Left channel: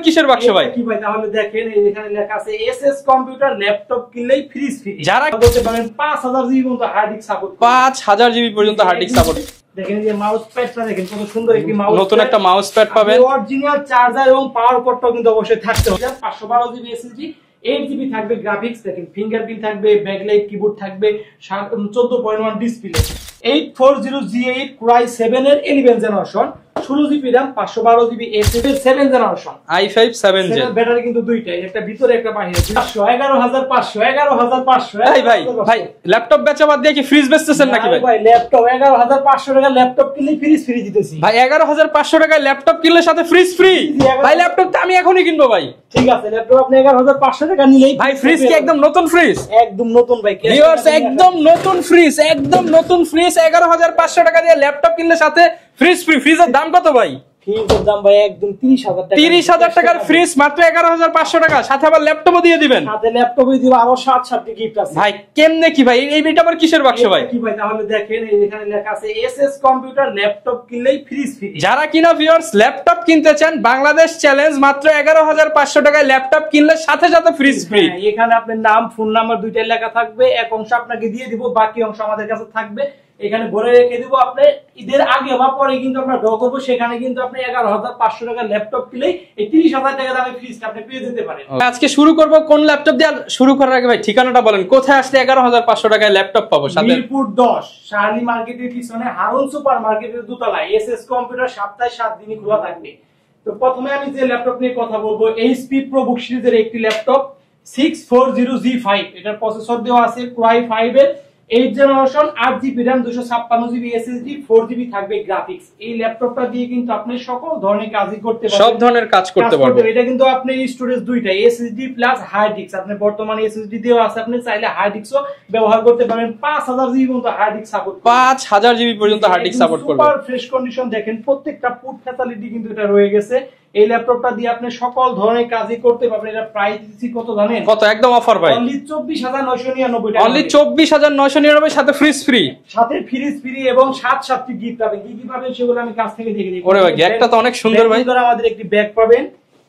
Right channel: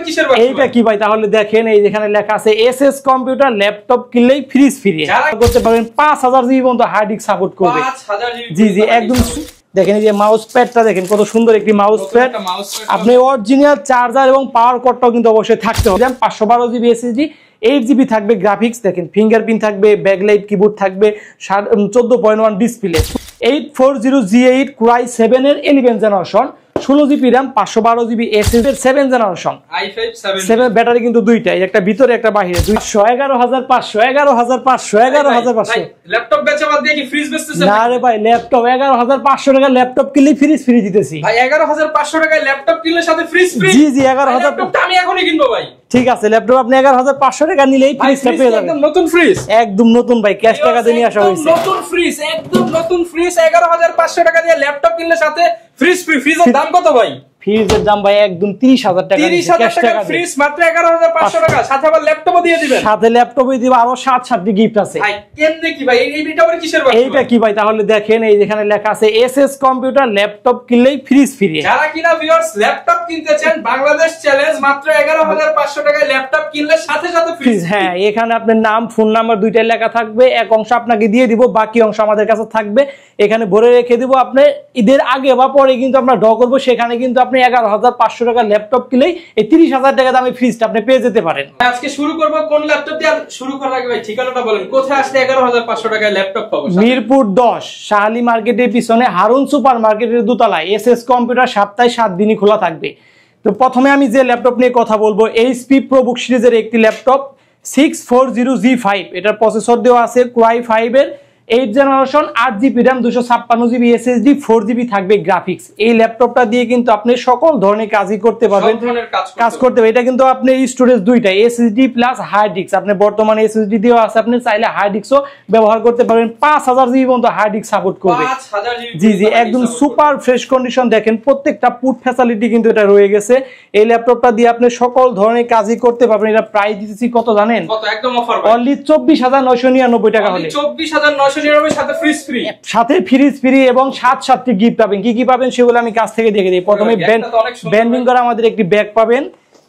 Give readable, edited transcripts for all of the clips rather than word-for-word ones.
আবার কিসের বাক্স ভাই? এটা কি ভাই? তাহলে দেখেন এই যেখানে লেখা আছে এসএস কম্পিউটার ল্যাপটপ কিনলেই ফ্রিজ ফ্রি। যারা করতে পারেন 5000 জিবি পর্যন্ত হার্ড ডিস্ক সাপোর্ট করবে। 5000 জিবি পর্যন্ত হার্ড ডিস্ক সাপোর্ট। দেখেন এই যে মাউস প্যাডটা দেখেন কত সুন্দর একটি মাউস প্যাড, নতুন একটা মাউস প্যাড পাবেন। অরিজিনাল চার্জার এবং পাওয়ার কর্ডটাও কিন্তু অবশ্যই থাকতে হবে। 512 জিবি এসএসডি, 8 জিবি থাকবে গ্রাফিক্স, দেখেন ফিঙ্গারপ্রিন্ট থাকবে, ব্যাকলাইট কিবোর্ড থাকবে, 14.1 ডিসপ্লে, 840G8 Core i7 এর 11 generation, 16 GB RAM, 512 GB SSD, 7 generation, i5 7 battery কিন্তু দুইটাই, একটা ভিতরে একটা বাইরে। 11500 ভাই ল্যাপটপ বেচা বাদ দিয়ে কি ফ্রিজ বেচতেছেন নাকি? আরে ভাই ল্যাপটপ 11500 টাকা ল্যাপটপ কিনলে ফ্রিজ ফ্রি দিতেছি ভাই। 11500 টাকায় ল্যাপটপ কিনলে সাথে ফ্রিজ ফ্রি। জি জি, ভাই ল্যাপটপটা আমি এখনই কিনবো ভাই। ঠিক আছে, ল্যাপটপ আপনি 11500 টাকা নিলেই ভাই ফ্রিজ কি একদম নতুন ফ্রিজ? একদম নতুন ভাই, ক্যাশ টাকা দিয়ে আসা একদম নতুন ফ্রিজ, একদম নতুন ফ্রিজ। 11500 টাকা দিয়ে ল্যাপটপ কিনলে সাথে ফ্রিজ ফ্রি। ফ্রিজের দাম কত ভাই? ফ্রিজের দাম ভাই একদম 30000 টাকা। 30000 টাকার ফ্রিজ মাত্র 11500 টাকা, সাথে আবার ল্যাপটপও দিয়ে দিবেন। সাথে ল্যাপটপই দিব, আরো 7 গিফট আছে ভাই। কেমনে কি ভাই? এই বিটা আবার কিসের বাক্স ভাই? এটা কি ভাই? তাহলে দেখেন এই যেখানে লেখা আছে এসএস কম্পিউটার ল্যাপটপ কিনলেই ফ্রিজ ফ্রি। যারা কিনা ভিউয়ার্স ল্যাপটপ কিনতে চান, বাংলাদেশ চ্যালেঞ্জ, মাত্র 11500 টাকায় ল্যাপটপ কিনলে সাথে সাথে ফ্রিজ ফ্রি। হ্যাঁ, এখানে আপনার নাম, ফোন নাম্বার দুইটা লেখা থাকবে। এক অংশ আপনাকে দিয়ে দিব, বাকি অংশ আমাদের কাছে থাকবে, এখানে ভরে রেখে দিব। আপনি ঈদের আগে বা পরে কিন্তু আমরা ড্র করবো, সেখানে কিন্তু আপনি 11500 টাকা ল্যাপটপ কিনলেই এই 30000 টাকা দামে ফ্রিজটা আপনি পেয়ে যেতে পারেন। আজকে শুরু করব কোন ল্যাপটপ দিয়ে? শুরু করার আগে ভাই ঠিকানাটা বলেন, কোথায় আসলে 11500 টাকায় ল্যাপটপ পাবো? মিরপুর 10 শাহালি মার্কেটের পিছনে হারুন সুপার মার্কেটের দোতলায় এসএস কম্পিউটার, সপ্তাহে 7 দিনই খোলা থাকবে। তো প্রথমে আমি যে ল্যাপটপ নিয়ে কথা বলবো, এইচপি প্রোবুক সিরিজের একটি ল্যাপটপ 640G5, এটার প্রসেসর দেওয়া আছে Core i5 এর 8 generation, 8 GB RAM, 256 GB SSD, 4 GB থাকবে গ্রাফিক্স। এই ল্যাপটপটা দিয়ে কিন্তু আপনি সকল ধরনের কাজই করতে পারবেন, সব ধরনের কাজ করতে পারবেন। এটা কিন্তু আপনি স্টোরেজ দুইটা, এসএসডি প্লাস হার্ড ডিস্ক, আপনি বর্তমানে এসএসডি দেওয়া আছে, আপনি চাইলে হার্ড ডিস্কও ব্যবহার করতে পারবেন। 5000 জিবি পর্যন্ত হার্ড ডিস্ক সাপোর্ট করবে। 5000 জিবি পর্যন্ত হার্ড ডিস্ক সাপোর্ট করবে। সুপার ফ্রেশ কন্ডিশন, দেখেন প্রত্যেকটা পুট ফ্যাসিলিটি কিন্তু এটা রয়ে গেছে। এই ল্যাপটপটা দিয়ে আপনি সকল ধরনের কাজই করতে পারবেন। এটা প্রাইস দিতেছি কত জানেন? কত? একদম অফার ভাই, অনলি 24999 টাকা। অনলি 24999 সাথে ফ্রিজ ফ্রি, সাথে ফ্রিজ ফ্রি এবং 7টি গিফট পাবেন। কি কি পাবেন সেগুলো আমি কাছ থেকে দেখে দিই। প্রথমে ব্যাগটা তো অনেক সুন্দর ভাই, আমাদের একটি ব্যাগ পাবেন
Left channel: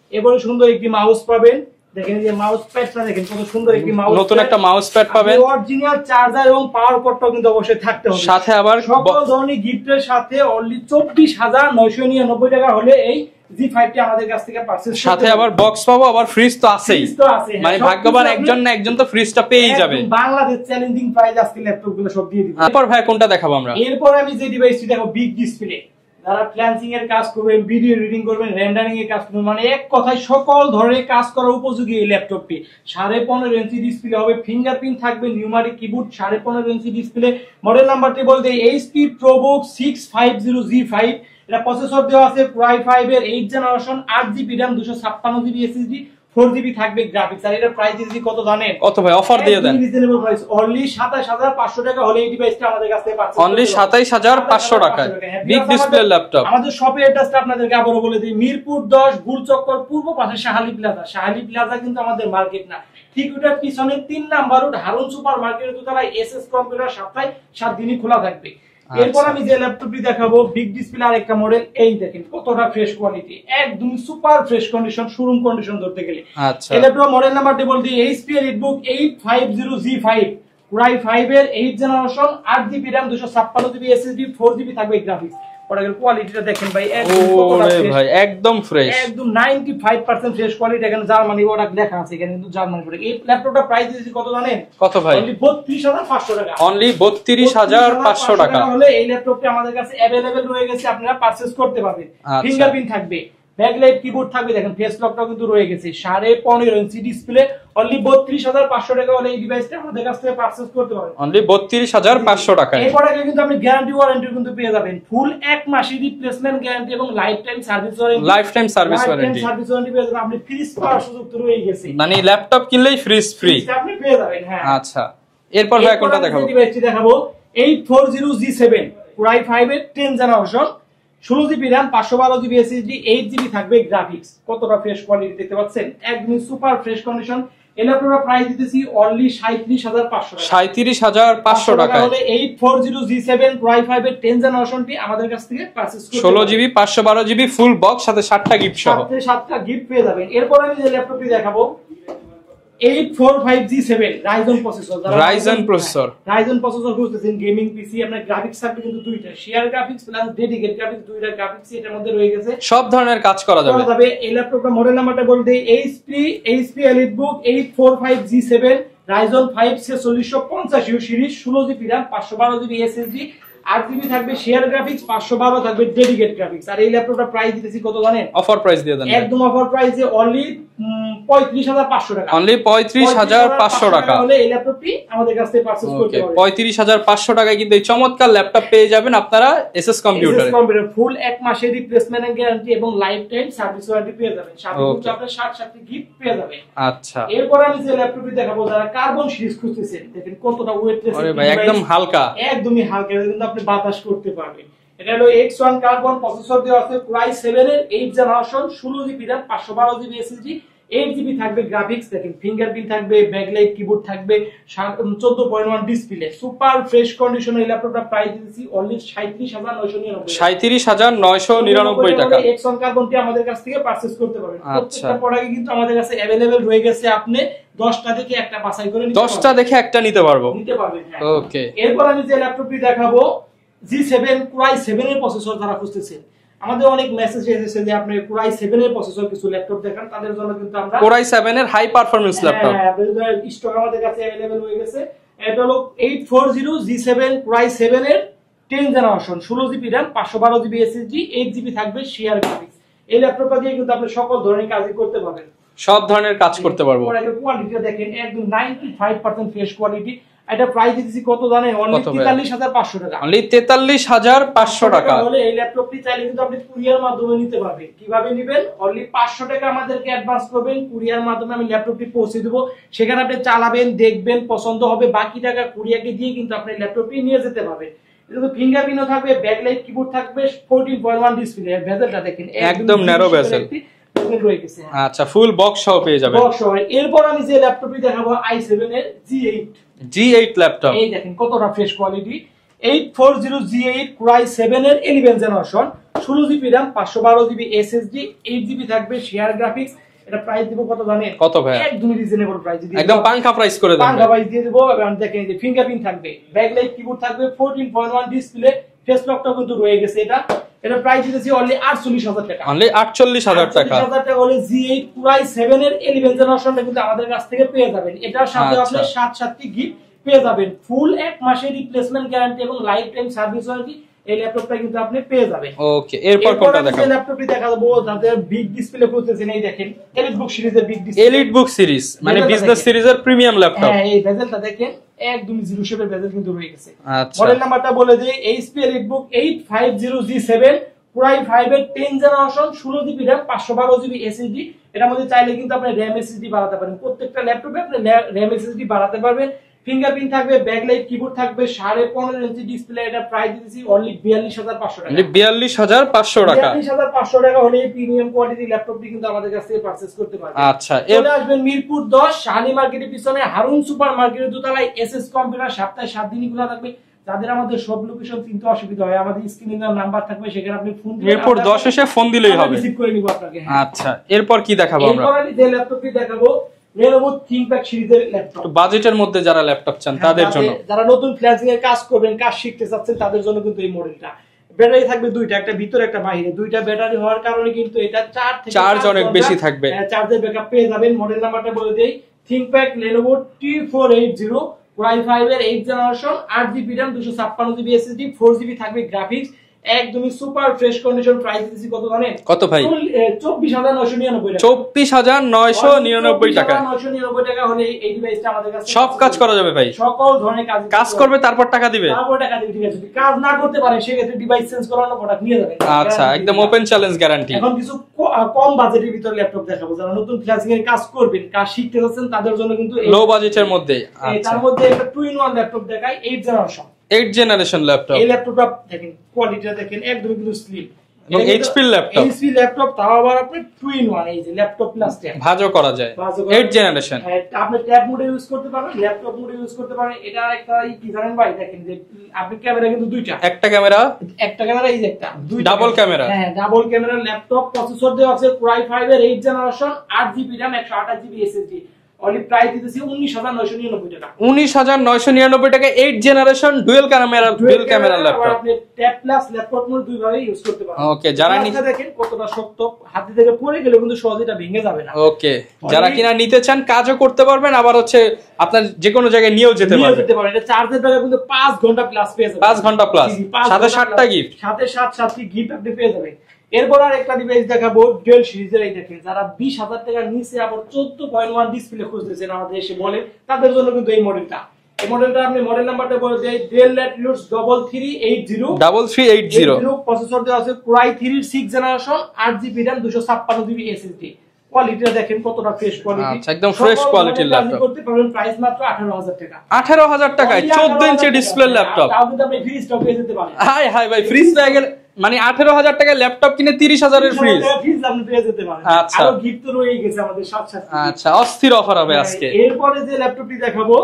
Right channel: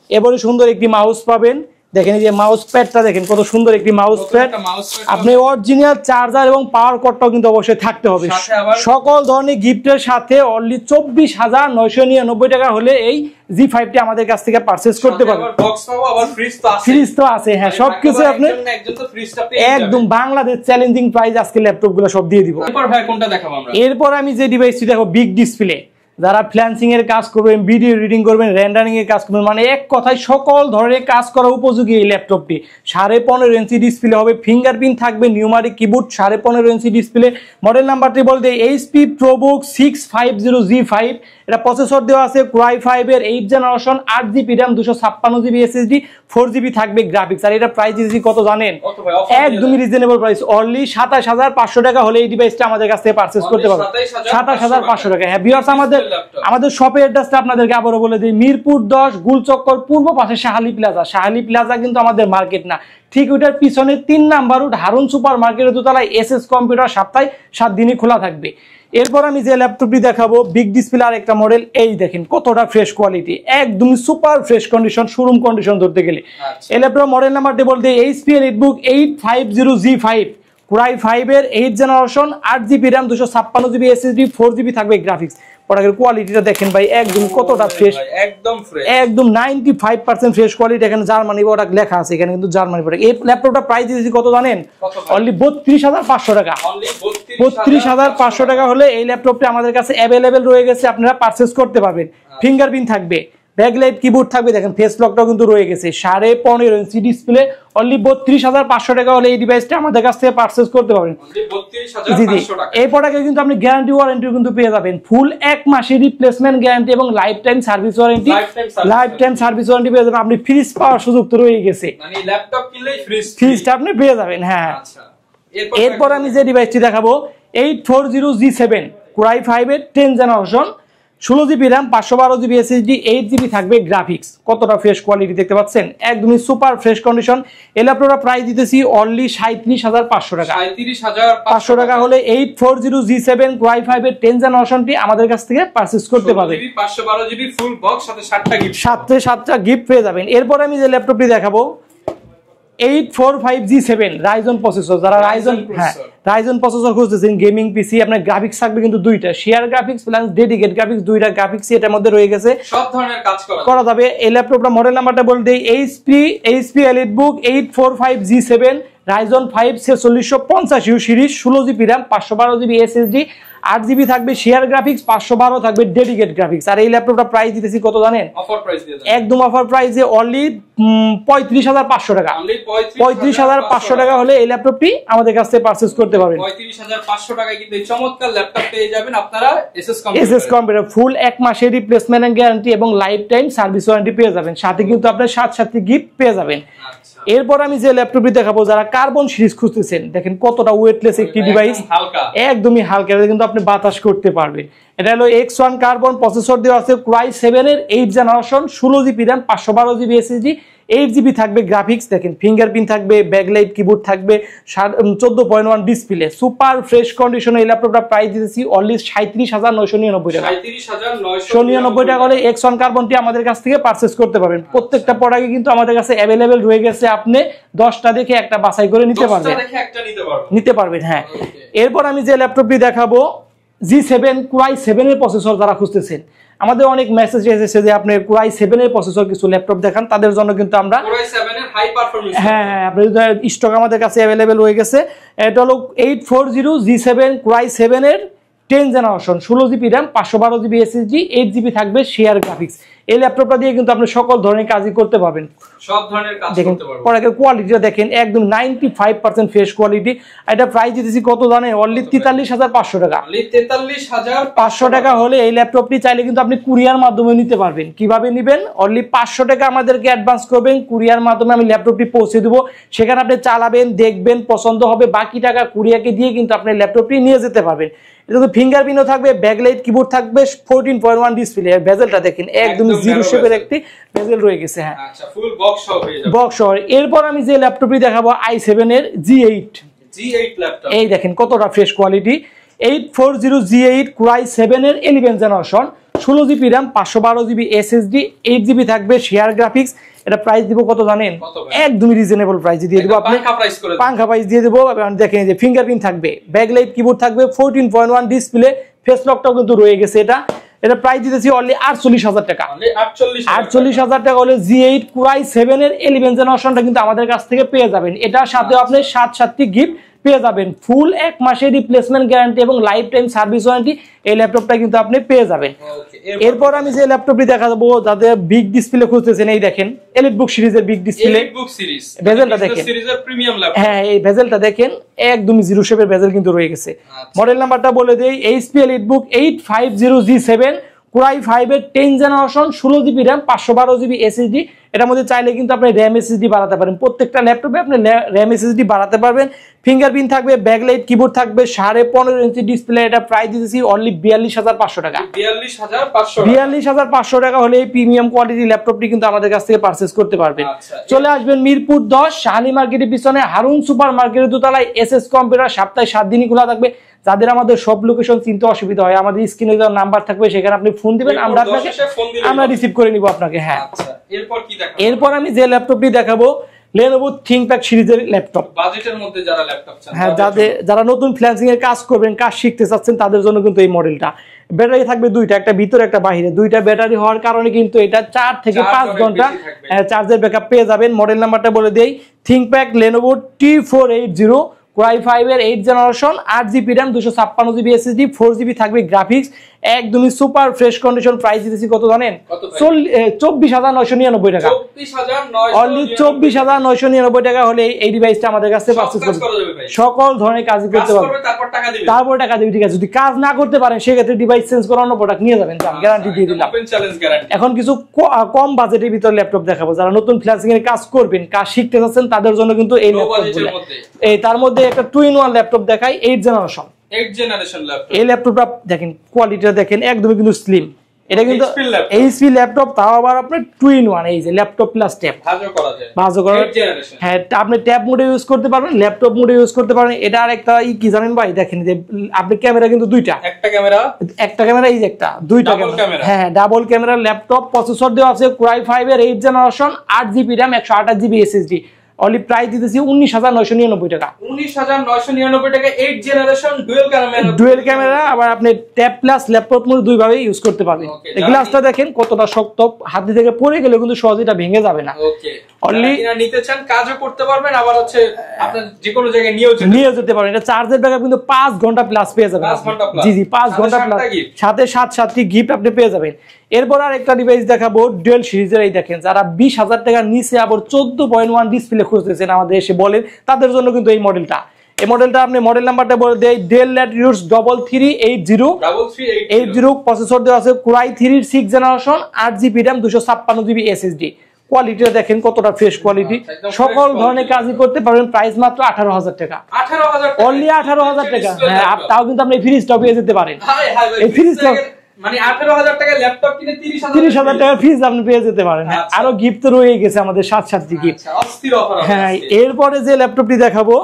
এবং সুন্দর একটি মাউস পাবেন। দেখেন এই যে মাউস প্যাডটা দেখেন কত সুন্দর একটি মাউস প্যাড, নতুন একটা মাউস প্যাড পাবেন। অরিজিনাল চার্জার এবং পাওয়ার কর্ডটাও কিন্তু অবশ্যই থাকতে হবে। সাথে আবার সকল ধরনের গিফটের সাথে অনলি 24999 টাকা হলে এই জি5টি আমাদের কাছ থেকে পারচেজ করতে পারবেন। সাথে আবার বক্স পাবো, আবার ফ্রিজ তো আছে। ফ্রিজ তো আছে, হ্যাঁ, ভাগ্যবান একজন না একজন তো ফ্রিজটা পেয়ে যাবে। একদম বাংলাদেশ চ্যালেঞ্জিং প্রাইস আজকে ল্যাপটপগুলো সব দিয়ে দিব। এরপর ভাই কোনটা দেখাবো আমরা? এরপর আমি যে ডিভাইসটি দেখো, বিগ ডিসপ্লে। যারা ফ্ল্যান্সিং এর কাজ করবেন, ভিডিও এডিটিং করবেন, রেন্ডারিং এর কাজ করবেন, মানে এক কথায় সকল ধরনের কাজ করা উপযোগী এই ল্যাপটপটি। 15.5 ইঞ্চি ডিসপ্লে হবে, ফিঙ্গারপ্রিন্ট থাকবে, numeric keyboard, 15.5 inch display. Model নাম্বারটি বলতে এইচপি প্রোবুক 650G5, এটা প্রসেসর দেওয়া আছে Core i5 এর 8 generation, 8 GB RAM, 256 GB SSD, 4 GB থাকবে গ্রাফিক্স। আর এটা প্রাইস দিয়েছি কত জানেন? কত ভাই? অফার দিয়ে দেন, একদম রিজনেবল প্রাইস, অনলি 27500 টাকা হলে এই ডিভাইসটা আমাদের কাছ থেকে পারচেজ করতে পারবেন। 27500 টাকা। হ্যাঁ, বিয়াস আমাদের শপের অ্যাড্রেসটা আপনাদেরকে আবারও বলে দিই, মিরপুর 10 গুলচক্কর পূর্ব পাশে শাহালি প্লাজা। শাহালি প্লাজা কিন্তু আমাদের মার্কেট না, ঠিক ওইটার পিছনে 3 নাম্বার রোড হারুন সুপার মার্কেটের দোতলায় এসএস কম্পিউটার, সপ্তাহে 7 দিনই খোলা থাকবে। এরপর আমি যে ল্যাপটপটি দেখাবো, বিগ ডিসপ্লে আর একটা মডেল। এই দেখেন কতটা ফ্রেশ কোয়ালিটি, একদম super fresh condition, showroom condition ধরতে গেলে। এই ল্যাপটপ মডেল নাম্বারটি বলতে HP EliteBook 850G5 Core i5 এর 8 generation, 8 GB RAM, 256 GB SSD, 4 GB থাকবে গ্রাফিক্স। প্রোডাক্টের কোয়ালিটিটা দেখেন ভাই, একদম কতটা ফ্রেশ, একদম ফ্রেশ, একদম 95% ফ্রেশ কোয়ালিটি। এখানে জার্মানি প্রোডাক্ট লেখা আছে, এখানে কিন্তু জার্মানি প্রোডাক্ট। এই ল্যাপটপটা প্রাইস দিয়েছি কত জানেন? কত ভাই? অনলি 32500 টাকা। অনলি 32500 টাকা হলে এই ল্যাপটপটি আমাদের কাছে अवेलेबल রয়ে গেছে, আপনারা পারচেজ করতে পারবেন। ফিঙ্গারপ্রিন্ট থাকবে, ব্যাকলাইট কিবোর্ড থাকবে, দেখেন ফেস লকটাও কিন্তু রয়ে গেছে। 15.5 ইঞ্চি ডিসপ্লে, অনলি 32500 টাকা হলে এই ডিভাইসটা আমাদের কাছ থেকে পারচেজ করতে পারবেন। অনলি 32500 টাকা। এই প্রোডাক্টে কিন্তু আপনি গ্যারান্টি ওয়ারেন্টি কিন্তু পেয়ে যাবেন, ফুল 1 মাসের রিপ্লেসমেন্ট গ্যারান্টি এবং life time service warranty. Service warranty পেয়ে যাবেন। আপনি ফ্রিজ পাওয়ার সুযোগ তো রয়ে গেছে, মানে ল্যাপটপ কিনলেই ফ্রিজটা আপনি পেয়ে যাবেন। হ্যাঁ, আচ্ছা। এরপর আমি যে ডিভাইসটি দেখাবো 840G7 Core i5 এর 10 generation, 16GB RAM 512GB SSD 8GB থাকবে গ্রাফিক্স। কতটা ফ্রেশ কোয়ালিটি দেখতে পাচ্ছেন, একদমই সুপার ফ্রেশ কন্ডিশন। এর আপনারা প্রাইস দিতেছি অনলি 37,500 টাকা। 37,500 টাকা হলে 840G7 Core i5 এর 10 জেনারেশনটি আমাদের কাছ থেকে পারচেজ করতে পারবেন। 16GB 512GB ফুল বক্স সাথে 7টা গিফট সহ, সাথে 7টা গিফট পেয়ে যাবেন। এরপর আমি যে ল্যাপটপটি দেখাবো 845G7 Ryzen প্রসেসর, যারা Ryzen প্রসেসর Ryzen প্রসেসর খুঁজতেছেন গেমিং পিসি, আপনার গ্রাফিক্স থাকবে কিন্তু দুইটা, share graphics plus dedicated graphics, দুইটা গ্রাফিক্স এটার মধ্যে রয়ে গেছে, সব ধরনের কাজ করা যাবে। এই ল্যাপটপটা মডেল নাম্বারটা বলে দেই, HP EliteBook 845G7 Ryzen 5 4650 series, 16GB RAM 512GB SSD, 8GB থাকবে শেয়ার গ্রাফিক্স, 512 থাকবে ডেডিকেটেড গ্রাফিক্স। আর এই ল্যাপটপটা প্রাইস দিতেছি কত জানেন? অফার প্রাইস দিয়ে দেন, একদম অফার প্রাইসে অনলি 35,500 টাকা। অনলি 35,500 টাকা হলে এই ল্যাপটপটি আমাদের কাছ থেকে পারচেজ করতে পারবেন। 35,500 টাকায় কিন্তু এই চমৎকার ল্যাপটপ পেয়ে যাবেন আপনারা এসএস কম্পিউটার। ফুল 1 মাসের রিপ্লেসমেন্ট গ্যারান্টি এবং লাইফ টাইম সার্ভিস ওয়ারেন্টি পেয়ে যাবেন, সাথে কিন্তু আপনার সাথে গিফট পেয়ে যাবেন। আচ্ছা, এরপর আমি যে ল্যাপটপটি দেখাবো, যারা কার্বন সিরিজ খুঁজতেছেন, দেখেন কতটা ওয়েটলেস একটি ডিভাইস, একদম হালকা, একদমই হালকা, কিন্তু আপনি বাতাস করতে পারবেন। এটা হলো X1 কার্বন প্রসেসর দেওয়া আছে, Core i7 এর 8 generation, 16GB RAM 512GB SSD, 8GB থাকবে গ্রাফিক্স, দেখেন ফিঙ্গারপ্রিন্ট থাকবে, ব্যাকলাইট কিবোর্ড থাকবে, 14.1 ডিসপ্লে, সুপার ফ্রেশ কন্ডিশনে এই ল্যাপটপটা প্রাইস দিতেছি অনলি 37,999 টাকা। 37,999 টাকা হলে X1 কার্বনটি আমাদের কাছ থেকে পারচেজ করতে পারবেন। প্রত্যেকটা প্রোডাক্টই কিন্তু আমাদের কাছে अवेलेबल রয়ে গেছে, আপনি 10টা দেখে একটা বাছাই করে নিতে পারবেন, 10টা দেখে একটা নিতে পারবেন। হ্যাঁ, ওকে। এরপর আমি যে ল্যাপটপটি দেখাবো G7 Core i7 এর প্রসেসর, যারা খুঁজতেছেন, আমাদের অনেক মেসেজ এসেছে যে আপনি Core i7 এর প্রসেসর কিছু ল্যাপটপ দেখান, তাদের জন্য কিন্তু আমরা Core i7 এর হাই পারফরম্যান্স ল্যাপটপ, হ্যাঁ, আপনাদের স্টক আমাদের কাছে अवेलेबल হয়ে গেছে। এটা হলো 840G7 Core i7 এর 10 generation, 16GB RAM 512GB SSD, 8GB থাকবে শেয়ার গ্রাফিক্স। এই ল্যাপটপটা দিয়ে কিন্তু আপনি সকল ধরনের কাজই করতে পারবেন, সব ধরনের কাজ করতে পারবেন। প্রোডাক্টের কোয়ালিটিটা দেখেন, একদম 95% ফ্রেশ কোয়ালিটি। এটা প্রাইস দিতেছি কত জানেন? অনলি 43,500 টাকা। অনলি 43,500 টাকা হলে এই ল্যাপটপটি চাইলে কিন্তু আপনি কুরিয়ার মাধ্যমে নিতে পারবেন। কিভাবে নেবেন? অনলি 500 টাকা আমাদেরকে অ্যাডভান্স করবেন, কুরিয়ার মাধ্যমে আমি ল্যাপটপটি পৌঁছে দেবো, সেখানে আপনি চালাবেন, দেখবেন, পছন্দ হবে, বাকি টাকা কুরিয়ারকে দিয়ে কিন্তু আপনি ল্যাপটপটি নিয়ে যেতে পারবেন। এটা তো ফিঙ্গারপ্রিন্টও থাকবে, ব্যাকলাইট কিবোর্ড থাকবে, 14.1 ডিসপ্লে, বেজেলটা দেখেন একদম জিরো শেপের একটি বেজেল রয়ে গেছে। হ্যাঁ, আচ্ছা, ফুল বক্স সহ পেয়ে যাবেন, বক্স সহ। এরপর আমি যে ল্যাপটপটি দেখাবো i7 এর G8 ল্যাপটপ, এই দেখেন কতটা fresh quality, 840G8 Core i7 এর 11 generation, 16GB RAM 512GB SSD, 8GB থাকবে শেয়ার গ্রাফিক্স। এটা প্রাইস দিব কত জানেন? কত ভাই? একদমই রিজনেবল প্রাইস দিয়ে দেব, একদম পাঙ্কা প্রাইস করে দেব, পাঙ্কা প্রাইস দিয়ে দেব। দেখেন যে ফিঙ্গারপ্রিন্ট থাকবে, ব্যাকলাইট কিবোর্ড থাকবে, 14.1 ডিসপ্লে, ফেস লকটাও কিন্তু রয়ে গেছে। এটা প্রাইস দিতেছি অনলি 48,000 টাকা। অনলি 48,000 টাকা হলে G8 Core i7 এর 11 জেনারেশনটা কিন্তু আমাদের কাছ থেকে পেয়ে যাবেন। এটার সাথে আপনি 7টি গিফট পেয়ে যাবেন, ফুল 1 মাসের রিপ্লেসমেন্ট গ্যারান্টি এবং লাইফ টাইম সার্ভিস ওয়ারেন্টি এই ল্যাপটপটা কিন্তু আপনি পেয়ে যাবেন। ওকে, এরপর যে ল্যাপটপটি দেখাবো, যাদের বিগ ডিসপ্লে খুঁজতেছেন, এই দেখেন EliteBook সিরিজের বিগ ডিসপ্লে, EliteBook সিরিজ মানে বিজনেস সিরিজের প্রিমিয়াম ল্যাপটপ। হ্যাঁ, এই বেজেলটা দেখেন একদম জিরো শেপের বেজেল কিন্তু রয়ে গেছে। মডেল নাম্বারটা বলে দেই, HP EliteBook 850G7 Core i5 এর 10 generation, 16GB RAM 512GB SSD। এটার মধ্যে চাইলে কিন্তু আপনি RAM SSD বাড়াতে পারেন, প্রত্যেকটা ল্যাপটপে আপনি RAM SSD বাড়াতে পারবেন। ফিঙ্গারপ্রিন্ট থাকবে, ব্যাকলাইট কিবোর্ড থাকবে, 15.5 ইঞ্চি ডিসপ্লে। এটা প্রাইস দিতেছি অনলি 42,500 টাকা। 42,500 টাকা হলে প্রিমিয়াম কোয়ালিটি ল্যাপটপটি কিন্তু আমাদের কাছ থেকে পারচেজ করতে পারবেন। আচ্ছা, চলে আসবেন মিরপুর 10 শাহালি মার্কেটের পিছনে হারুন সুপার মার্কেটের দোতলায়, এসএস কম্পিউটার, সপ্তাহে 7 দিনই খোলা থাকবে। যাদের আমাদের সব লোকেশন চিনতে অসুবিধা হয়, আমাদের স্ক্রিনে যে নাম্বার থাকবে সেখানে আপনি ফোন দিবেন, আমরা রিসিভ করে নিব আপনাকে। হ্যাঁ, আচ্ছা, এরপর কি দেখাবো? এরপর আমি যে ল্যাপটপটি দেখাবো Lenovo ThinkPad সিরিজের ল্যাপটপ, বাজেটের মধ্যে যারা ল্যাপটপ চান তাদের জন্য, যারা নতুন ফ্রিল্যান্সিং এর কাজ করবেন, কাজ শিখতে চাচ্ছেন, তাদের জন্য কিন্তু এই মডেলটা। ব্যাটারি থাকবে দুইটা, একটা ভিতরে একটা বাইরে, দুইটা ব্যাটারি হওয়ার কারণে কিন্তু এটা 4 থেকে 5 ঘন্টা বেশি থাকবে, চার্জের ব্যাকআপ পেয়ে যাবেন। মডেল নাম্বারটা বলে দেই, ThinkPad Lenovo T480 Core i5 এর 8 generation, 8GB RAM 256GB SSD, 4GB থাকবে গ্রাফিক্স, একদমই সুপার ফ্রেশ কন্ডিশন। প্রাইস দিতেছি কত জানেন? কত ভাই? 24,999 টাকা। 24,999 টাকা হলে এই ডিভাইসটা আমাদের কাছে সব কাজ করা যাবে ভাই, সকল ধরনের কাজ করবে, তারপর টাকা দিবে, ঠিক আছে। যদি কাজ না করতে পারে সেক্ষেত্রে ডিভাইস চেঞ্জ করা, অন্য প্রোডাক্ট নিয়ে যাবেন। আচ্ছা, একদম ওপেন চ্যালেঞ্জ গ্যারান্টি। এখন কিছু কম বাজেটের ভিতর ল্যাপটপ দেখাবো, যারা নতুন ফ্রিল্যান্সিং এর কাজ করবেন, কাজ শিখতে যাচ্ছেন, তাদের জন্য কিন্তু এই লো বাজেটের মধ্যে তার মধ্যে একটা 2-in-1 ল্যাপটপ দেখাই, 8 জেনারেশন ল্যাপটপ। এই ল্যাপটপটা দেখেন, কোয়ালিটিটা দেখেন, একদমই কিন্তু স্লিম, এটা কিন্তু এইচপি ল্যাপটপ, তাও আবার আপনার 2 in 1, এই যে ল্যাপটপ প্লাস ট্যাব, ভাঁজও করা যায়, 8th জেনারেশন। হ্যাঁ, আপনি ট্যাব মোডে ইউজ করতে পারবেন, ল্যাপটপ মোডে ইউজ করতে পারেন। এটা আরেকটা কি জানেন ভাই, দেখেন যে আপনি ক্যামেরা কিন্তু দুইটা, একটা ক্যামেরা এই যে একটা, দুইটা ডাবল ক্যামেরা। হ্যাঁ, ডাবল ক্যামেরা ল্যাপটপ, প্রসেসর দেওয়া আছে Core i5 এর 8th generation, 8GB RAM, 128GB SSD। Only price দিতেছি 19,999 টাকা। 19,999 টাকা 8th জেনারেশন ডুয়াল ক্যামেরা। আবার আপনি ট্যাব প্লাস ল্যাপটপ মোড দুই ভাবে ইউজ করতে পারবেন। গ্লাসটা দেখেন কতটা শক্ত, হাত থেকে পড়ে গেলে কিন্তু সহজে এটা ভেঙে যাবে না। ওকে, যারা কিনা নিতে চান কাজও করতে পারবেন, আবার হচ্ছে আপনার যে কোনো জায়গায় নিয়েও যেতে পারবেন। এটা চার্জের ব্যাকআপ কিন্তু 5 ঘন্টা প্লাস পেয়ে যাবেন। 5 ঘন্টা প্লাস, জি 5 ঘন্টা, সাথে 7টি গিফট আপনি পেয়ে যাবেন। এরপর আর একটা ডিভাইস দেখাবো ডেল সিরিজের। এই দেখেন, যারা 20,000 টাকার নিচে আবার 14.1 ডিসপ্লে খুঁজতেছেন আমাদের এসে বলেন, তাদের জন্য কিন্তু এই মডেলটা। এই মডেলটা আপনি মডেল নাম্বারটা বলে দেই, ডেল ল্যাটিটিউড 3380 প্রসেসর দেওয়া আছে Core i3 এর 6th generation, 8GB RAM, 256GB SSD। কোয়ালিটিটা দেখেন কতটা ফ্রেশ কোয়ালিটি, একদম ফ্রেশ কোয়ালিটি, কাজ করতে পারেন। প্রাইস মাত্র 18,000 টাকা। 18,000 টাকা 14 ইঞ্চি ডিসপ্লে ল্যাপটপ, তাও কিন্তু আপনি ফ্রিজটা পেয়ে যেতে পারেন। হাই ভাই, ফ্রিজ থেকে মানে 18,000 টাকায় ল্যাপটপ কিনে 30,000 টাকা ফ্রিজ আপনি পেয়ে যেতে পারেন। আরো গিফট তো রয়ে গেছে আমাদের 7টি গিফট। আচ্ছা, অস্থির অফার হবে আজকে। এরপরে যে ল্যাপটপটি দেখাবো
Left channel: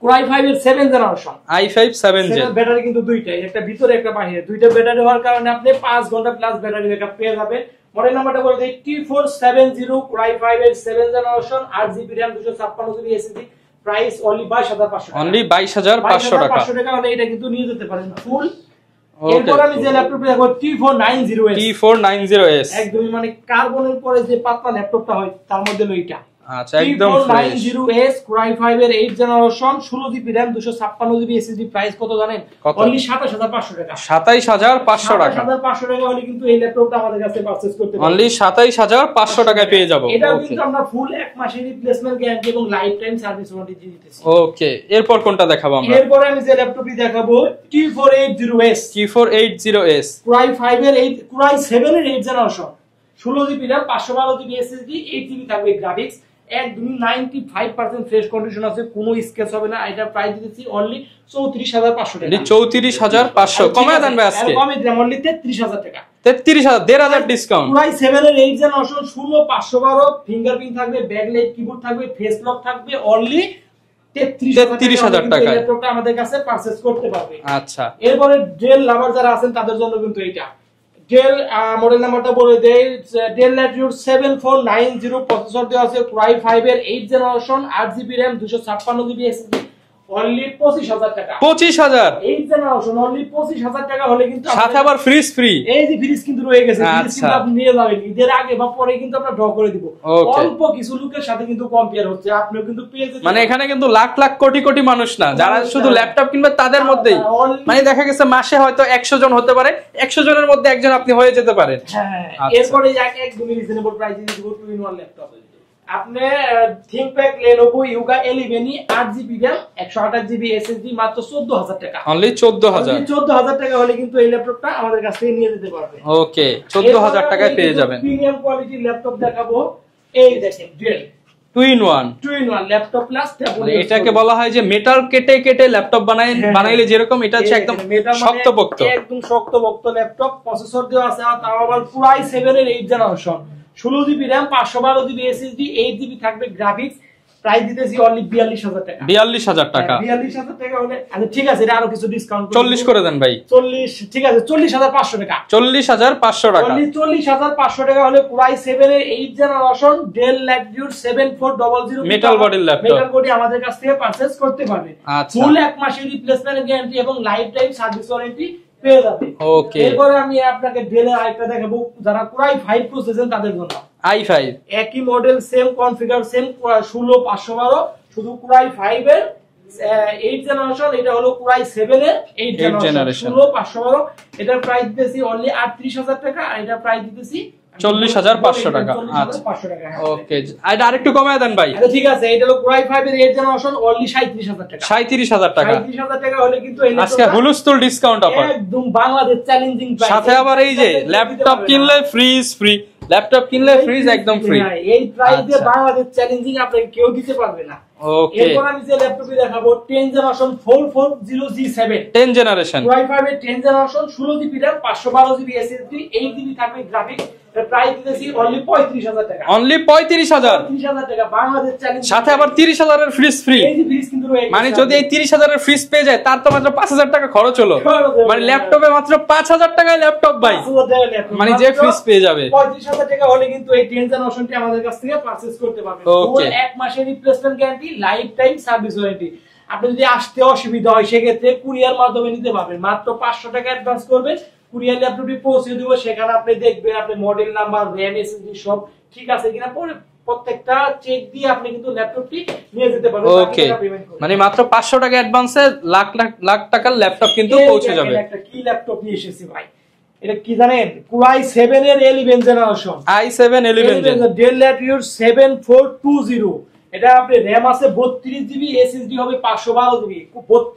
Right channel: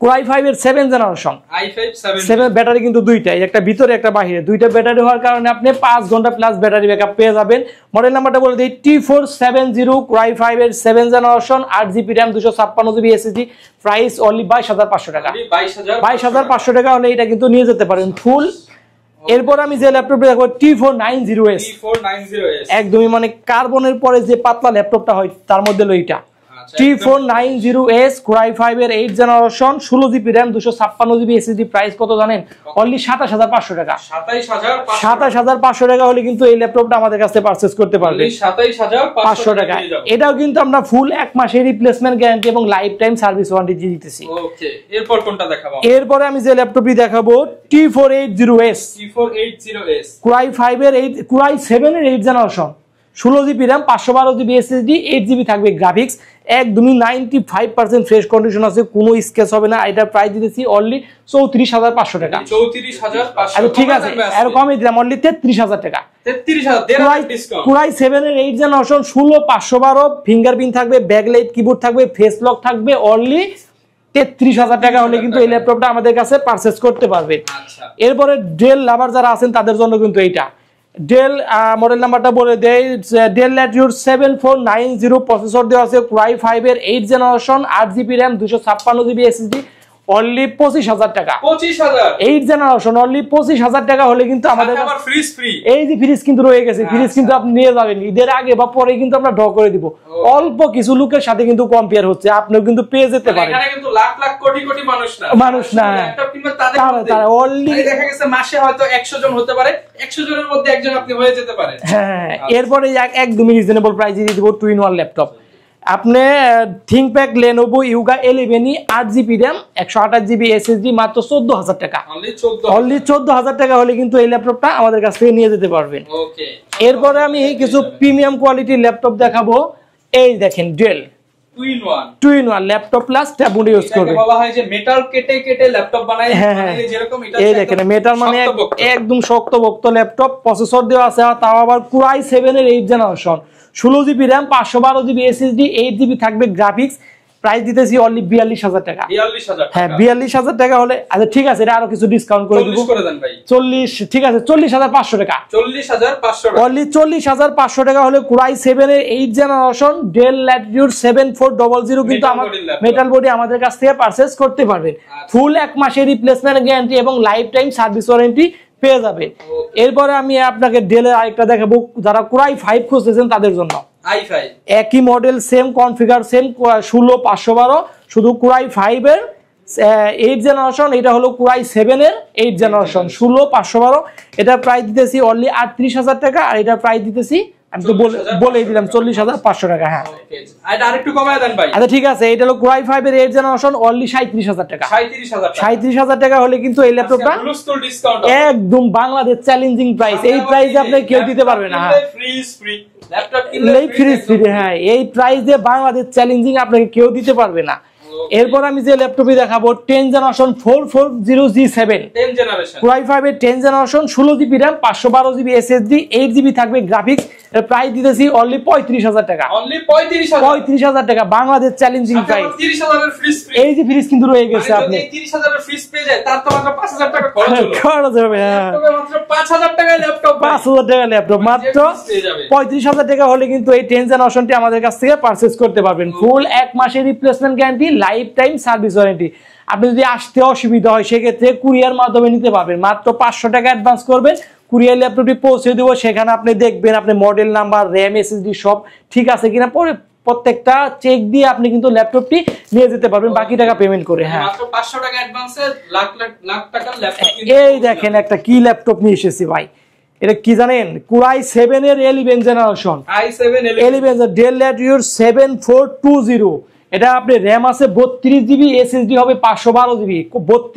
Core i5 এর 7th জেনারেশন, i5 7 ব্যাটারি কিন্তু দুইটাই, একটা ভিতরে একটা বাইরে, দুইটা ব্যাটারি হওয়ার কারণে আপনি 5 ঘন্টা প্লাস ব্যাটারি ব্যাকআপ পেয়ে যাবেন। মডেল নাম্বারটা বলে দিই, T470 Core i5 এর 7th generation, 8GB RAM, 256GB SSD। Price only 22,500 টাকা। অনলি 22,500 টাকা হলে এটা কিন্তু নিয়ে যেতে পারেন ফুল। এরপর আমি যে ল্যাপটপটা দেখো T490S, একদমই মানে কার্বনের পরে যে পাতলা ল্যাপটপটা হয় তার মধ্যে লইটা। T490S Core i5 এর 8th generation, 16GB RAM, 256GB SSD। Price কত জানেন? অনলি 27,500 টাকা। 27,500 টাকা হলে কিন্তু এই ল্যাপটপটা আমাদের কাছে পারচেজ করতে পারবেন। অনলি 27,500 টাকা পেয়ে যাব। এটাও কিন্তু আমরা ফুল 1 মাসের রিপ্লেসমেন্ট গ্যারান্টি এবং লাইফ টাইম সার্ভিস ওয়ারেন্টি দিতেছি। ওকে, এরপর কোনটা দেখাবো আমরা? এরপর আমি যে ল্যাপটপটি দেখাবো T480S Core i5 এর Core i7 এর 8th generation, 16GB RAM, 512GB SSD, 8GB থাকবে গ্রাফিক্স। একদমই 95% ফ্রেশ কন্ডিশন আছে, কোনো স্ক্র্যাচ হবে না। এটা প্রাইস দিতেছি অনলি 34,500 টাকা। 34,500 কমে দেন ভাই আজকে। এরকম দিলাম অনলি 33,000 টাকা। 33,000 1,500 ডিসকাউন্ট। Core i7 এর 8th জেনারেশন, 16/512, ফিঙ্গারপ্রিন্ট থাকবে, ব্যাকলাইট কিবোর্ড থাকবে, ফেস লক থাকবে। অনলি 33,000 টাকা হলে কিন্তু এই ল্যাপটপটা আমাদের কাছে পারচেজ করতে পারবেন। আচ্ছা, এরপরে ডেল লাভার যারা আছেন তাদের জন্য কিন্তু এইটা ডেল মডেল নাম্বারটা বলে দেই, ডেল ল্যাটিটিউড 7490 প্রসেসর দেওয়া আছে Core i5 এর 8th generation, 8GB RAM, 256GB SSD। Only 25,000 টাকা। 25,000 8th জেনারেশন, অনলি 25,000 টাকা হলে কিন্তু সাথে আবার ফ্রিজ ফ্রি। এই যে ফ্রিজ কিন্তু রয়ে গেছে, ফ্রিজ কিন্তু আপনি নিয়ে যাবেন ঈদের আগে বা পরে, কিন্তু আমরা ড্র করে দিব। অল্প কিছু লোকের সাথে কিন্তু কম্পেয়ার হচ্ছে, আপনিও কিন্তু পেয়ে যেতে পারেন। মানে এখানে কিন্তু লাখ লাখ কোটি কোটি মানুষ না, যারা শুধু ল্যাপটপ কিনবে তাদের মধ্যে মানে দেখা গেছে মাসে হয়তো 100 জন হতে পারে, 100 জনের মধ্যে একজন আপনি হয়ে যেতে পারেন। হ্যাঁ, এরপরে একদমই রিজনেবল প্রাইসে দিয়ে দিব 2 in 1 ল্যাপটপ। আপনি ThinkPad Lenovo Yuga 11 8GB RAM, 128GB SSD, মাত্র 14,000 টাকা। অনলি 14,000 টাকা হলে কিন্তু এই ল্যাপটপটা আমাদের কাছ থেকে নিয়ে যেতে পারবেন। ওকে, 14,000 টাকায় পেয়ে যাবেন। প্রিমিয়াম কোয়ালিটির ল্যাপটপ দেখাবো। এই দেখেন Dell 2 in 1 laptop plus tablet use করে। এটাকে বলা হয় যে মেটাল কেটে কেটে ল্যাপটপ বানাইলে যেরকম, এটা হচ্ছে একদম মেটাল, মানে একদম শক্তপোক্ত ল্যাপটপ। প্রসেসর দেওয়া আছে তাও আবার Core i7 এর 8th generation, 16GB RAM, 512GB SSD, 8GB থাকবে গ্রাফিক্স। প্রাইস দিতেছি অনলি 42,000 টাকা। 42,000 টাকা। 42,000 টাকা হলে আচ্ছা ঠিক আছে, এটা আরো কিছু ডিসকাউন্ট করে 40 করে দেন ভাই। 40, ঠিক আছে 40,500 টাকা। 40,500 টাকা। অনলি 40,500 টাকা হলে Core i7 এর 8th generation, del Latitude 7400 metal body laptop, metal body আমাদের কাছ থেকে পারচেজ করতে পারবেন। ফুল 1 মাসের রিপ্লেসমেন্ট গ্যারান্টি এবং লাইফ টাইম সার্ভিস ওয়ারেন্টি পেয়ে যাবেন। এরপরে আমি আপনাকে ডেলের আরেকটা দেখাবো, যারা Core i5 খুঁজতেছেন তাদের জন্য। i5 একই মডেল, সেম কনফিগার, সেম 16/512, শুধু Core i5 এর 8th জেনারেশন, এটা হলো Core i7 এর 8th জেনারেশন, 16/512। এটা প্রাইস দিতেছি অনলি 38,000 টাকা, আর এটা প্রাইস দিতেছি 40,500 টাকা। হ্যাঁ, ওকে, এটা আরেকটু কমায় দেন ভাই। আচ্ছা ঠিক আছে, এটা হলো Core i5 এর 8th জেনারেশন, অনলি 37,000 টাকা। 37,000 টাকা হলে কিন্তু এই ল্যাপটপটা আজকে ব্লুস্টুল ডিসকাউন্ট অফার, একদম বাংলাদেশ চ্যালেঞ্জিং প্রাইস। এই প্রাইস আপনি কেউ দিতে পারবেন না। কিনলে ফ্রিজ ফ্রি, ল্যাপটপ কিনলে ফ্রিজ একদম ফ্রি। এই প্রাইসে বাংলাদেশ চ্যালেঞ্জিং আপনাকে কেউ দিতে পারবে না। এরপর আমি যে ল্যাপটপটি দেখাবো 10 generation 4400G7 10 generation Core i5 এর 10 generation 16GB RAM 512GB SSD 8GB থাকবে গ্রাফিক্স। এর প্রাইস দিতেছি অনলি 35000 টাকা। অনলি 35000 টাকা বাংলাদেশ চ্যালেঞ্জ। সাথে আবার 30000 এর ফ্রিজ ফ্রি। এই যে ফ্রিজ কিন্তু রয়ে গেছে, মানে যদি এই 30000 এর ফ্রিজ পেয়ে যায় তার তো মাত্র 5000 টাকা খরচ হলো। মানে ল্যাপটপে মাত্র 5000 টাকায় ল্যাপটপ ভাই, 5000 টাকা ল্যাপটপ মানে যে ফ্রিজ পেয়ে যাবে। 35000 টাকা হলে কিন্তু এই 10 জেনারেশনটি আমাদের কাছ থেকে পারচেজ করতে পারবেন। ফুল 1 মাসের replacement guarantee, life time service warranty. আপনি যদি আসতে অসুবিধা হয় সেক্ষেত্রে কুরিয়ার মাধ্যমে নিতে পারবেন। মাত্র 500 টাকা অ্যাডভান্স করবেন, কুরিয়ার ল্যাপটপটি পৌঁছে দেবো। সেখানে আপনি দেখবেন আপনি মডেল নাম্বার, র্যাম, এসএসডি সব ঠিক আছে কিনা, পরে প্রত্যেকটা চেক দিয়ে আপনি কিন্তু ল্যাপটপটি নিয়ে যেতে পারবেন বাকি টাকা পেমেন্ট করে। মানে মাত্র 500 টাকা অ্যাডভান্সে লাখ টাকার ল্যাপটপ কিন্তু পৌঁছে যাবে। দেখেন একটা কি ল্যাপটপ নিয়ে এসেছি ভাই, এটা কি জানেন? Core i7 এর 11 জেনারেশন, i7 11 Dell Latitude 7420। এটা আপনি র‍্যাম আছে 32GB, এসএসডি হবে 512GB,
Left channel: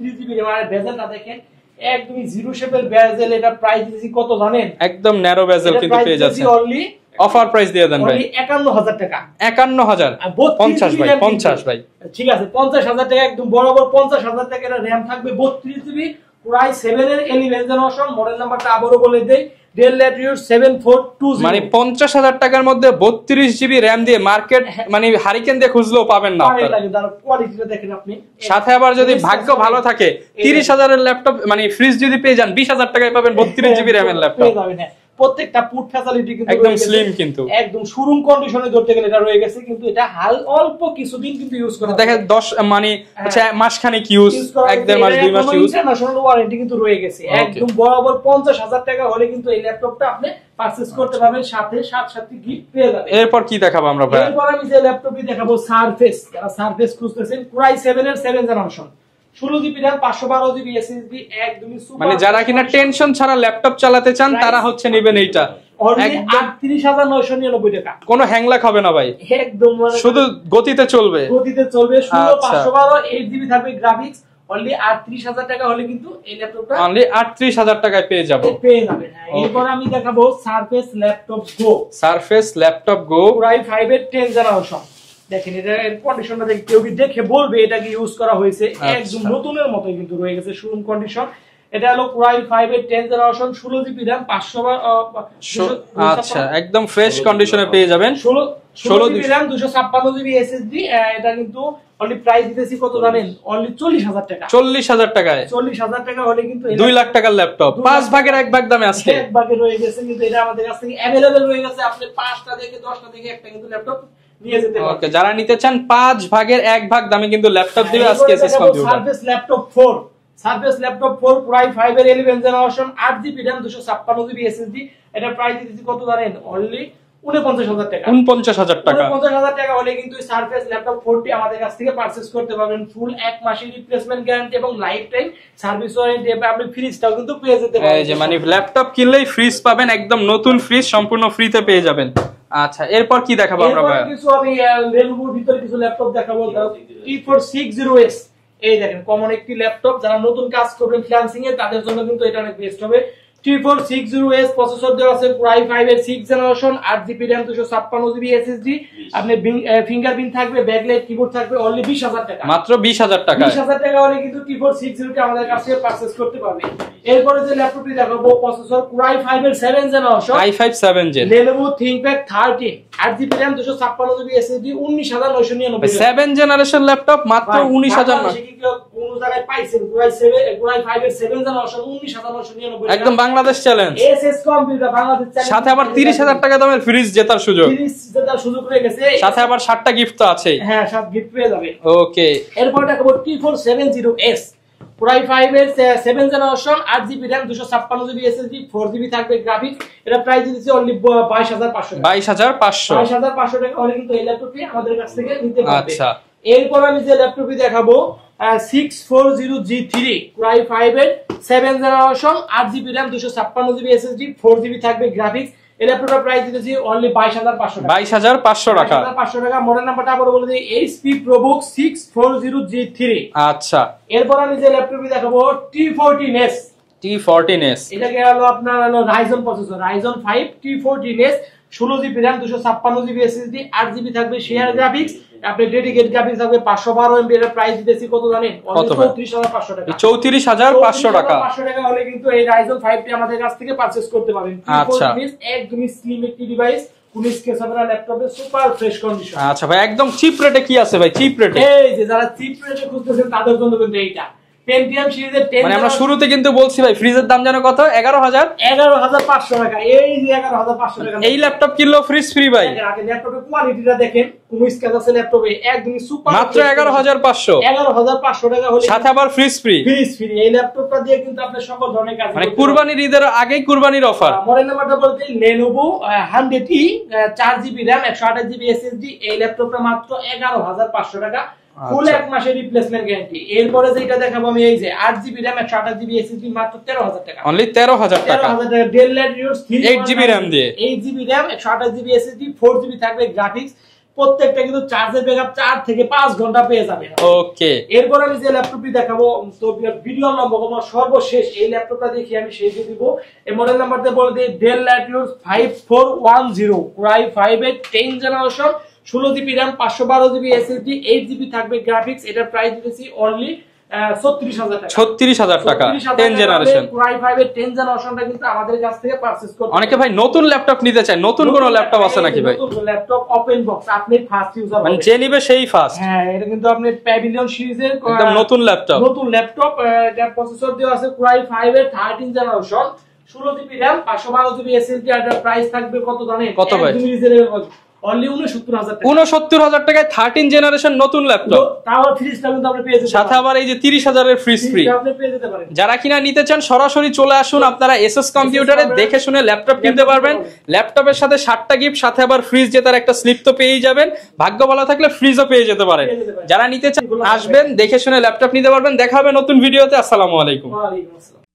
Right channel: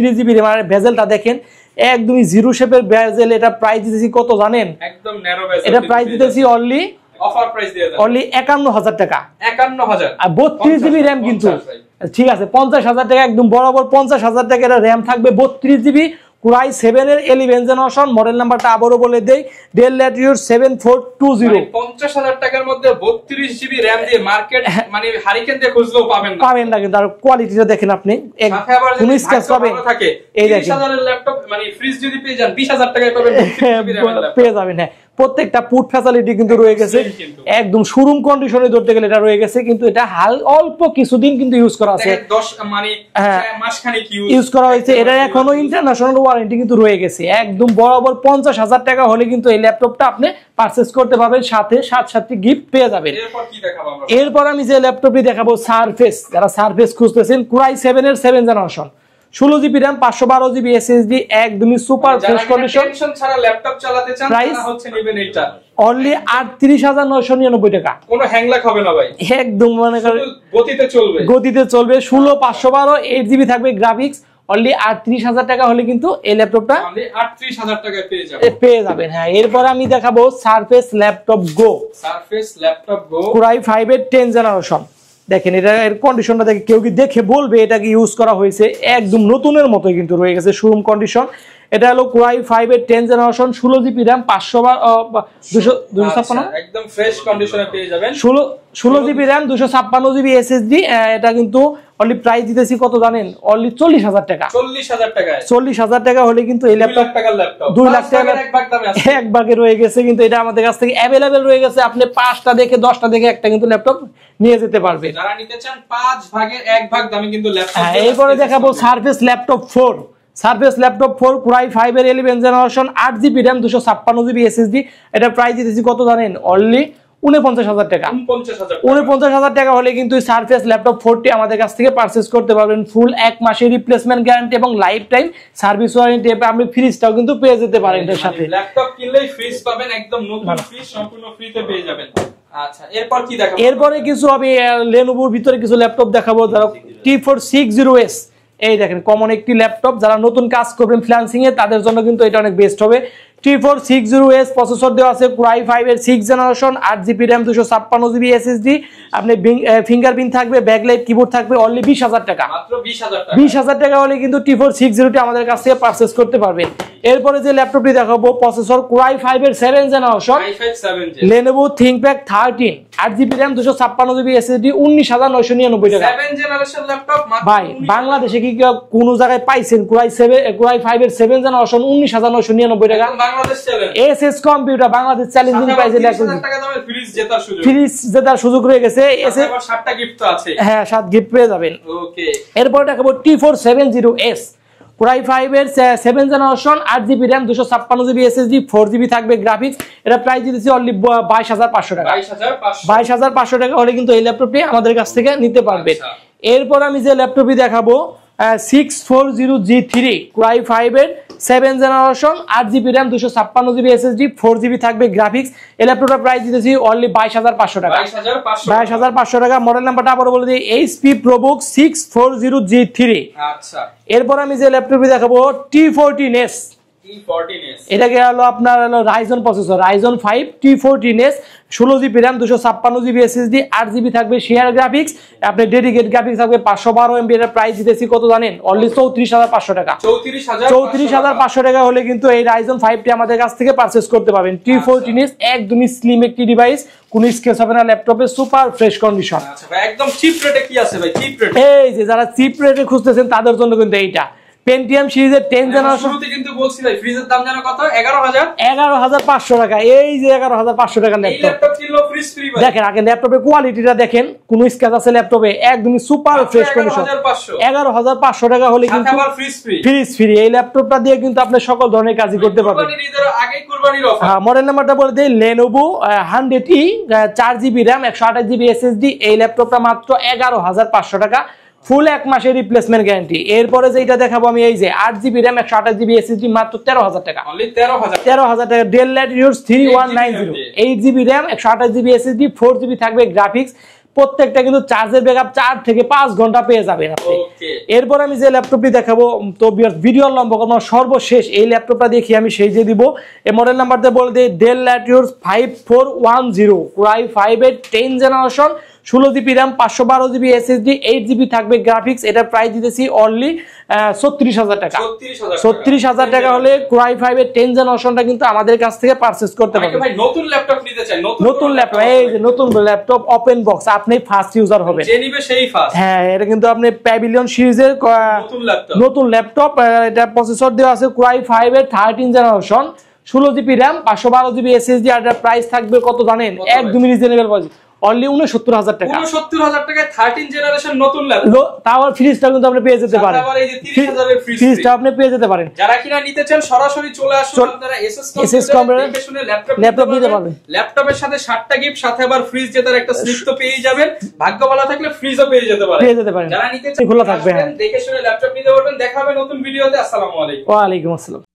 32GB র‍্যাম। আর বেজেলটা দেখেন একদমই জিরো শেপের বেজেল। এটা প্রাইস দিয়েছি কত জানেন? একদম ন্যারো বেজেল কিন্তু পেয়ে যাচ্ছে। এটা প্রাইস দিয়েছি অনলি অফার প্রাইস দিয়ে দেন অনলি 51000 টাকা। 51000 আর 32GB র‍্যাম 50 ভাই, ঠিক আছে 50000 টাকা, একদম বরাবর 50000 টাকা। এটা র‍্যাম থাকবে 32GB, Core i7 এর 11 জেনারেশন। মডেল নাম্বারটা আবারো বলে দেই, Dell Latitude 7420। মানে 50000 টাকার মধ্যে 32GB র‍্যাম দিয়ে মার্কেট মানে হারিকেন দিয়ে খুঁজলেও পাবেন না। পাবেন না, কিন্তু আর কোয়ালিটিটা দেখেন আপনি। সাথে আবার যদি ভাগ্য ভালো থাকে 30000 এর ল্যাপটপ মানে ফ্রিজ যদি পেয়ে যান 20000 টাকায় পাবেন 32GB র‍্যাম এর ল্যাপটপ পেয়ে যাবেন। হ্যাঁ, প্রত্যেকটা পুট ফ্যাসিলিটি কিন্তু রয়ে গেছে, একদম শোরুম কন্ডিশনে ধরতে গেলে এটা রয়ে গেছে। কিন্তু এটা অল্প কিছুদিন কিন্তু ইউজ করা আছে, দেখেন 10 মানে মাসখানেক ইউজ করা হয়েছে। এর কোনো ইন্টারন্যাশনাল ওয়ারেন্টি কিন্তু রয়ে গেছে। একদম বরাবর 50000 টাকা হলে কিন্তু এই ল্যাপটপটা আপনি পারচেজ করতে পারবেন, সাথে 7 গিফট পেয়ে যাবেন। এরপর কি দেখাবো আমরা? এরপর আমি যে ল্যাপটপটি দেখাবো সারফেস। যারা সারফেস খুঁজতেছেন, Core i7 এর 7 generation, 16GB RAM 512GB SSD, একদমই সুপার। যারা কিনা টেনশন ছাড়া ল্যাপটপ চালাতে চান তারা হচ্ছে নেবেন এইটা অনলি 38999 টাকা। কোনো হ্যাংলাক হবে না ভাই, একদম মানে শুধু গতিতে চলবে, 16512 8GB থাকবে গ্রাফিক্স। অনলি 38000 টাকা হলে কিন্তু এই ল্যাপটপটা অনলি 38000 টাকায় পেয়ে যাবেন। হ্যাঁ, এরপর আমি দেখাবো সারফেস ল্যাপটপ গো। সারফেস ল্যাপটপ গো Core i5 এর 10 জেনারেশন। দেখেন এটা এর কন্ডিশনটা দেখে কেউ কি দেখে বলবে এটা কি ইউজ করা হয়েছে, একদম নতুনের মতো কিন্তু রয়ে গেছে শোরুম কন্ডিশন। এটা হলো Core i5 এর 10 জেনারেশন, 16GB RAM 500 একদম ফ্রেশ কন্ডিশনে পেয়ে যাবেন। 16GB RAM 256GB SSD। এটা কিন্তু অনলি প্রাইস দিতেছি কত জানেন? অনলি 40000 টাকা। 40000 টাকায় 40000 টাকা হলে কিন্তু 2 লাখ টাকার ল্যাপটপ 5 ভাগের 1 ভাগ দামে আছে, 1 ভাগে রয়ে গেছে। কিন্তু এটা আমাদের কাছ থেকে अवेलेबल রয়ে গেছে। আপনি 5টা দেখে 10টা দেখে একটা কিন্তু ল্যাপটপ নিয়ে যেতে পারবেন। যারা নিতে চান 5 ভাগের 1 ভাগ দামে কিন্তু ল্যাপটপ দিয়ে আজকে দেখাবো surface laptop 4। Surface laptop 4 Core i5 এর 11 generation, 8GB RAM 256GB SSD। এটা প্রাইস দিতেছি কত জানেন? অনলি 49000 টাকা। 49000 টাকা হলে কিন্তু সারফেস ল্যাপটপ 4টি আমাদের কাছ থেকে পারচেজ করতে পারবেন। ফুল 1 মাসের রিপ্লেসমেন্ট গ্যারান্টি এবং লাইফ টাইম সার্ভিস ওয়ারেন্টি। আপনি ফ্রিজটাও কিন্তু পেয়ে যেতে পারেন, মানে ল্যাপটপ কিনলেই ফ্রিজ পাবেন, একদম নতুন ফ্রিজ সম্পূর্ণ ফ্রিতে পেয়ে যাবেন। আচ্ছা, এরপর কি দেখাবো? এরপরে কিছু আমি Lenovoর ভিতরে কিছু ল্যাপটপ দেখাবো। ধরো T460S। এই দেখেন কমন একটি ল্যাপটপ, যারা নতুন কাজ করবেন ফ্রিল্যান্সিং এ তাদের জন্য কিন্তু এটা অনেক বেস্ট হবে। T460S প্রসেসর দেওয়া আছে, Core i5 এর 6 generation, 8GB RAM 256GB SSD। আপনি ফিঙ্গারপ্রিন্ট থাকবে, ব্যাকলাইট কিবোর্ড থাকবে। অনলি 20000 টাকা, মাত্র 20000 টাকা। 20000 টাকা হলে কিন্তু T460 টি আমাদের কাছ থেকে পারচেজ করতে পারবেন। এরপরে যে ল্যাপটপটি দেখাবো প্রসেসর Core i5 এর 7 generation, i5 7 Lenovo ThinkPad 13, 8GB RAM 256GB SSD, 19999 টাকা। 7 জেনারেশন ল্যাপটপ মাত্র 19000 টাকা। কি কোন জায়গায় পাইছেন? Core i5 এর 7 জেনারেশন 19999 টাকা। একদম Bangladesh challenge. SS computer Bangladesh challenge. সাথে আবার 30000 টাকা দামের ফ্রিজ জেতার সুযোগ। ফ্রিজ জেতার সুযোগ রয়ে গেছে। সাথে আবার 7টা গিফট তো আছে। হ্যাঁ, 7 গিফট পেয়ে যাবেন। ওকে, এরপর দেখাবো T470S। Core i5 এর 7 generation, 8GB RAM 256GB SSD, 4GB থাকবে গ্রাফিক্স। এটা প্রাইস দিতেছি অনলি 22500 টাকা। 22500 টাকা হলে কিন্তু এই ল্যাপটপটি আমাদের কাছ থেকে নিতে পারবেন। এরপর আমি যে ল্যাপটপটি দেখাবো 640G3 Core i5 এর 7 generation, 8GB RAM 256GB SSD, 4GB থাকবে গ্রাফিক্স। এই ল্যাপটপটার প্রাইস দিতেছি অনলি 22500 টাকা। 22500 টাকা। মডেল নাম্বারটা আবার বলে দিই, HP ProBook 640G3। আচ্ছা, এরপর আমি যে ল্যাপটপটি দেখাবো T14S। T14S এটাকে হলো আপনার হলো Ryzen processor, Ryzen 5 T14S 16GB RAM 256GB SSD 8GB থাকবে শেয়ার গ্রাফিক্স, আপনি ডেডিকেট গ্রাফিক্স থাকবে 512 MB এর প্রাইস দিতেছি কত জানেন? অনলি 34500 টাকা। 34500 টাকা হলে কিন্তু এই Ryzen 5 টি আমাদের কাছ থেকে পারচেজ করতে পারবেন। T4 জিনিস একদমই স্লিম একটি ডিভাইস, কোন স্ক্র্যাচ হবে না, ল্যাপটপে সুপার ফ্রেশ কন্ডিশন। আচ্ছা ভাই একদম চিপ রেটে কি আছে ভাই? চিপ রেটে এই যে যারা চিপ রেটে খুঁজতেছেন তাদের জন্য কিন্তু এইটা পেন্টিয়াম সিরিজের 10 মানে আমরা শুরুতে কিন্তু বলছি ভাই ফ্রিজের দাম জানো কত? 11500 টাকা। এই যে 11500 টাকা এই ল্যাপটপ কিনলো ফ্রিজ ফ্রি ভাই। দেখেন আগে ল্যাপটপের কোয়ালিটিটা দেখেন, কোন স্ক্র্যাচ আছে ল্যাপটপে একদমই সুপার ফ্রেশ। 11500 টাকা হলে সাথে আবার ফ্রিজ ফ্রি। এই ল্যাপটপটা দিয়ে কিন্তু আপনি সকল ধরনের কাজ করতে পারবেন। কুরবানির ঈদের আগেই কুরবানির অফার। মডেল নাম্বারটা বলে দেই, Lenovo 100E 4GB RAM 128GB SSD। এই ল্যাপটপটা মাত্র 11500 টাকা, ফুল এক মাসের রিপ্লেসমেন্ট গ্যারান্টি। এরপরে যেটা দেখাবো আমি এই যে 8GB RAM 128GB SSD মাত্র 13000 টাকা। অনলি 13000 টাকা। Dell Latitude 8GB RAM দিয়ে 8GB RAM 128GB SSD 4GB থাকবে গ্রাফিক্স। প্রত্যেকটা কিন্তু চার্জের ব্যাকআপ 4 থেকে 5 ঘন্টা পেয়ে যাবেন। ওকে, এরপর আমি যে ল্যাপটপটি দেখাবো তো ভিডিও লম্বা কোনো সর্বশেষ এই ল্যাপটপটা দেখি আমি সেই দিয়ে দিব। এই মডেল নাম্বারটা বলে দিই, Dell Latitude 5410 Core i5 এর 10 generation, 16GB RAM 512GB SSD 8GB থাকবে গ্রাফিক্স। এটার প্রাইস দিতেছি অনলি 36000 টাকা। 36000 টাকা। 36000 টাকা হলে Core i5 এর 10 জেনারেশনটা কিন্তু আমাদের কাছ থেকে পারচেজ করতে পারবেন। অনেকে ভাই নতুন ল্যাপটপ নিতে চায়, নতুন কোন ল্যাপটপ আছে নাকি ভাই? নতুন ল্যাপটপ ওপেন বক্স, আপনি ফার্স্ট ইউজার হবেন, যে নিবে সেই ফার্স্ট। হ্যাঁ, এটা কিন্তু আপনি প্যাভিলিয়ন সিরিজের একদম নতুন ল্যাপটপ। এটা প্রসেসর দেওয়া আছে Core i5 এর 13 generation, 16GB RAM 512GB SSD। আর এটার প্রাইস থাকবে কত জানেন? একদমই রিজনেবল প্রাইস, অনলি 69000 টাকা। 69000 টাকায় 13 জেনারেশন নতুন ল্যাপটপ। তারপর ফ্রিজটা কিন্তু আপনি পেয়ে যেতে পারেন, সাথে আবার এই যে 30000 এর ফ্রিজটা আপনি পেয়ে যেতে পারেন। যারা কিনা নিতে চান সরাসরি চলে আসুন আপনারা এসএস কম্পিউটারে, দেখে শুনে ল্যাপটপ নিতে পারবেন। ল্যাপটপের সাথে 7টা গিফট, সাথে আবার ফ্রিজ জেতার একটা স্লিপ তো পেয়েই যাবেন। ভাগ্য ভালো থাকলে ফ্রিজও পেয়ে যেতে পারেন। যারা নিতে চান আসবেন, দেখে শুনে ল্যাপটপ নিতে পারবেন। দেখা হবে নতুন ভিডিওতে। আসসালামু আলাইকুম। ওয়া আলাইকুম আসসালাম।